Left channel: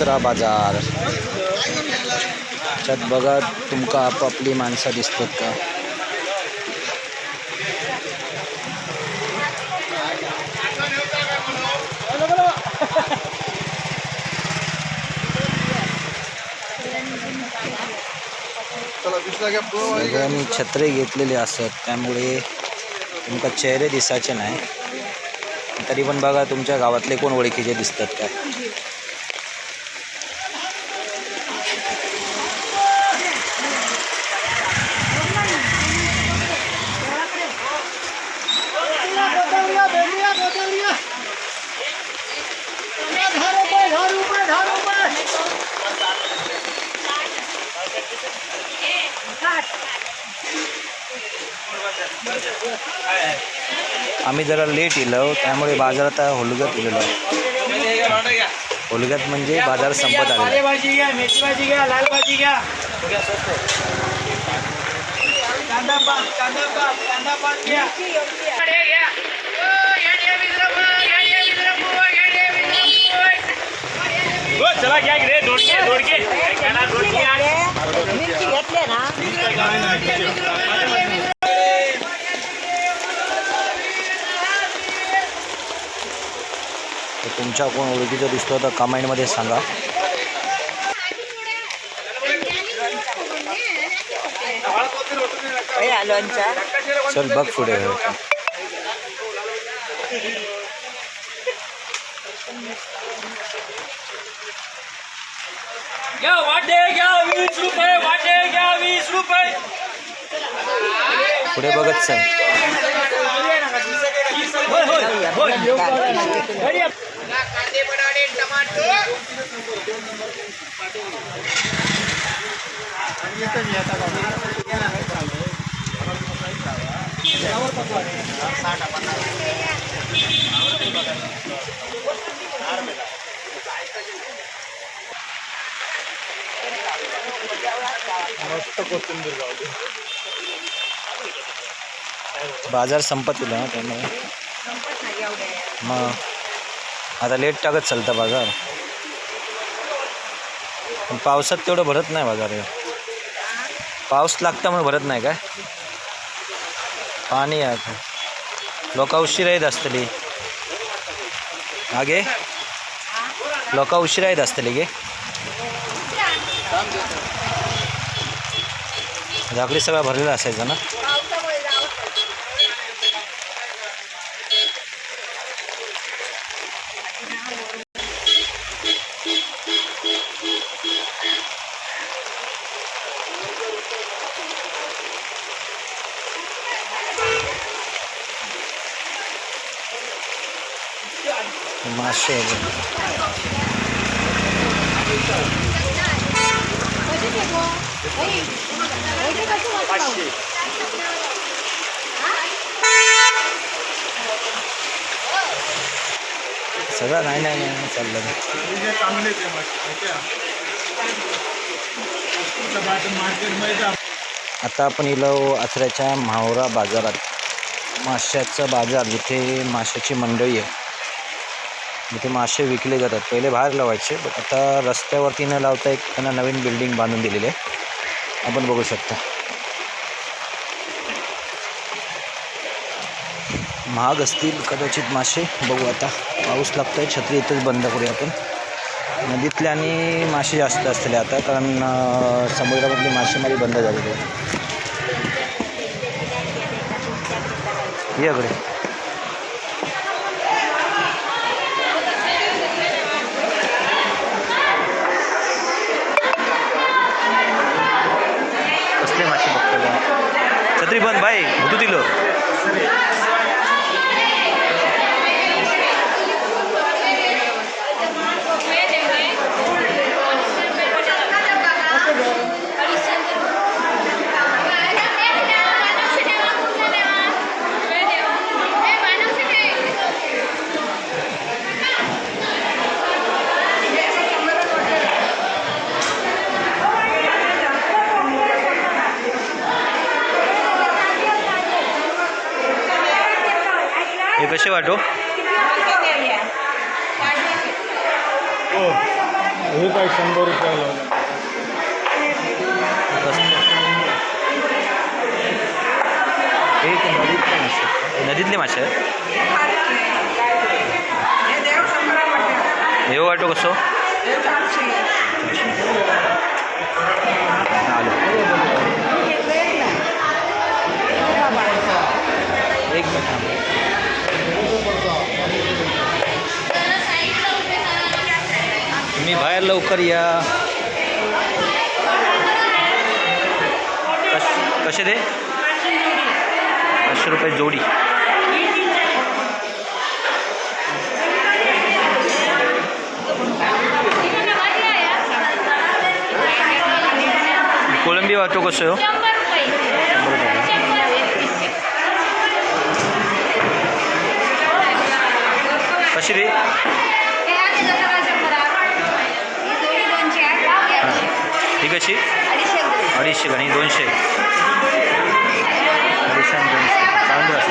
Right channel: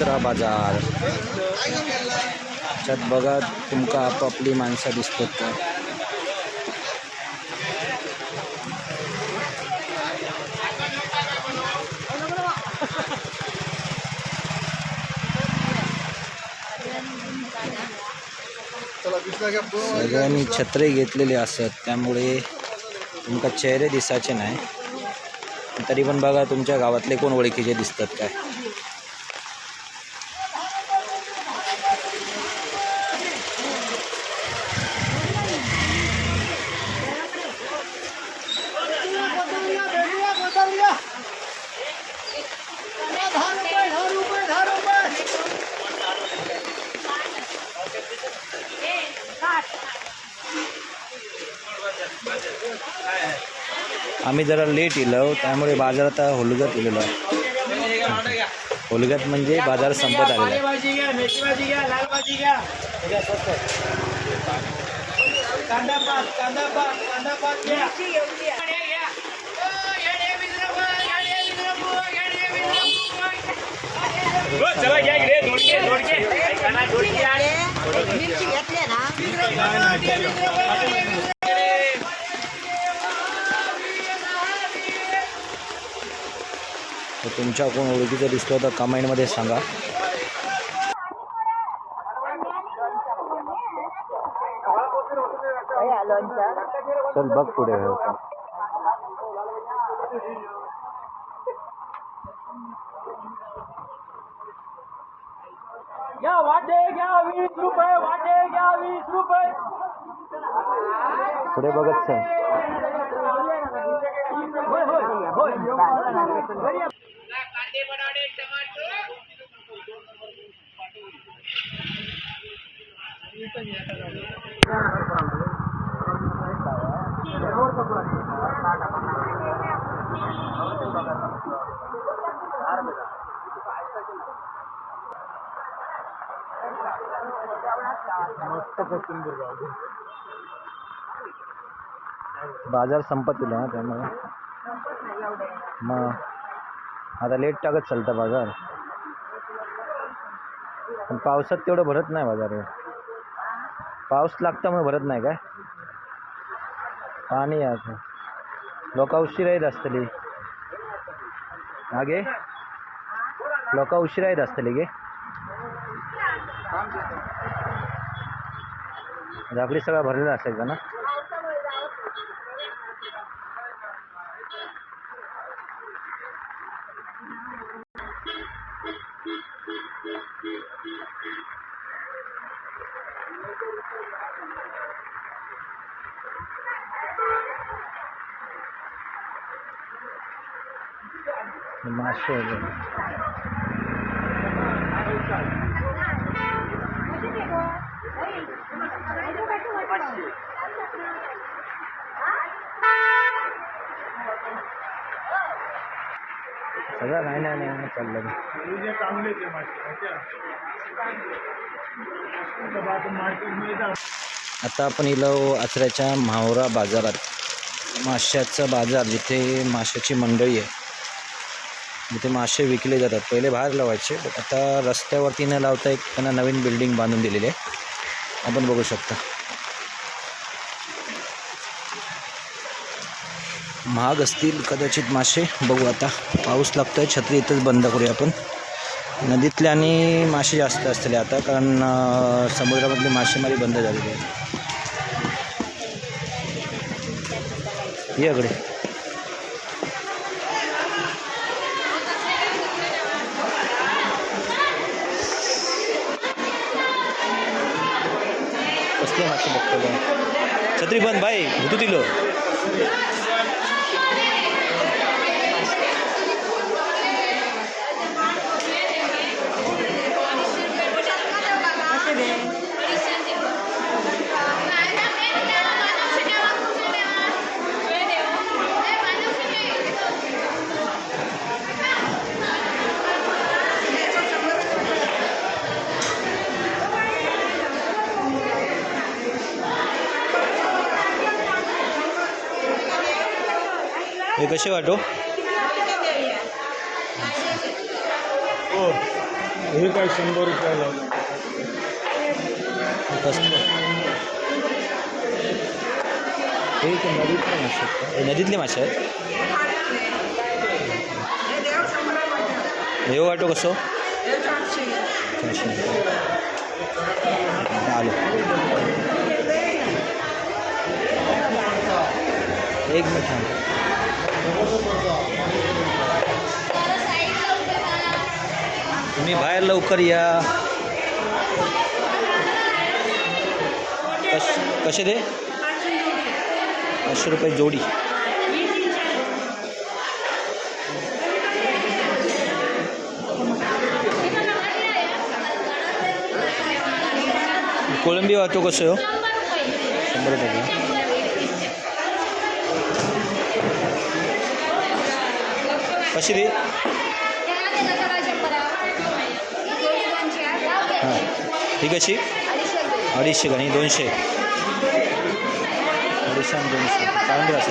कचरा बाजार। त्यात बघा तुमका आपापली माणसं दिसतात का? सगळ्यांनी छत्री घेतलेली असत त्यामुळे तुमका चेहरे दिसायचे नाही, तरी पण बघा तुमच्या गावातले कोण ओळखीचे दिसतात का? आम्ही जरा लेट येलो त्यामुळे बाजारात होलगत गेलेलो आहे। होलगत म्हणजे बाजार संपत आलेला आहे। चला घ्या रे दोडके तुमच्या कोण ओळखीचा दिसतो तर कमेंटमध्ये सांगा। चल बघ पुढे घ्या वाटे घ्या 20 रुपये वाटे घ्या 20 रुपये पुढे बघत चल। कांदे बनाडे टमाटो बाजार संपत ना त्यामुळे मग आता लेट टाकत चालतं बाजार, पण पावसात तेवढं भरत नाही बाजार। पाऊस लागता म्हणून भरत नाही काय? पाणी आहे लोक उशिरा येत असतली आगे, लोक उशिरा येत असतली गे झाकडी सगळा भरलेला असायचा ना। मासे सगळं नाही चाललं। आता आपण इलो आचऱ्याच्या म्हावरा बाजारात, माशाचा बाजार जिथे माशाची मंडई आहे, जिथे मासे विकले जातात। पहिले बाहेर लावायचे, बट आता रस्त्यावरती न लावता एक त्यांना नवीन बिल्डिंग बांधून दिलेली आहे, आपण बघू शकता। महाग असतील कदाचित मासे, बघू आता। पाऊस लागतोय, छत्री इथेच बंद करूया आपण। नदीतले आणि मासे जास्त असतील आता, कारण समुद्रामधली मासेमारी बंद झालेली आहे। याकडे कसले मासे बघतो, छत्री बंद भाई भुतू दिलो। हे कसे वाटो? हे काय 100 रुपये लावले. हे नदीतले मासे आहेत. नदीतले मासे आहेत. हे वाटो कसं आलो एक मिनिट. तुम्ही बाहेर लवकर या. कसे दे 500 रुपये जोडी. कोलंबी वाहतो कसं हो 100 रुपये. कशी दे हां ही कशी 250 आणि 200 250 आणि 200 पाऊंड असते.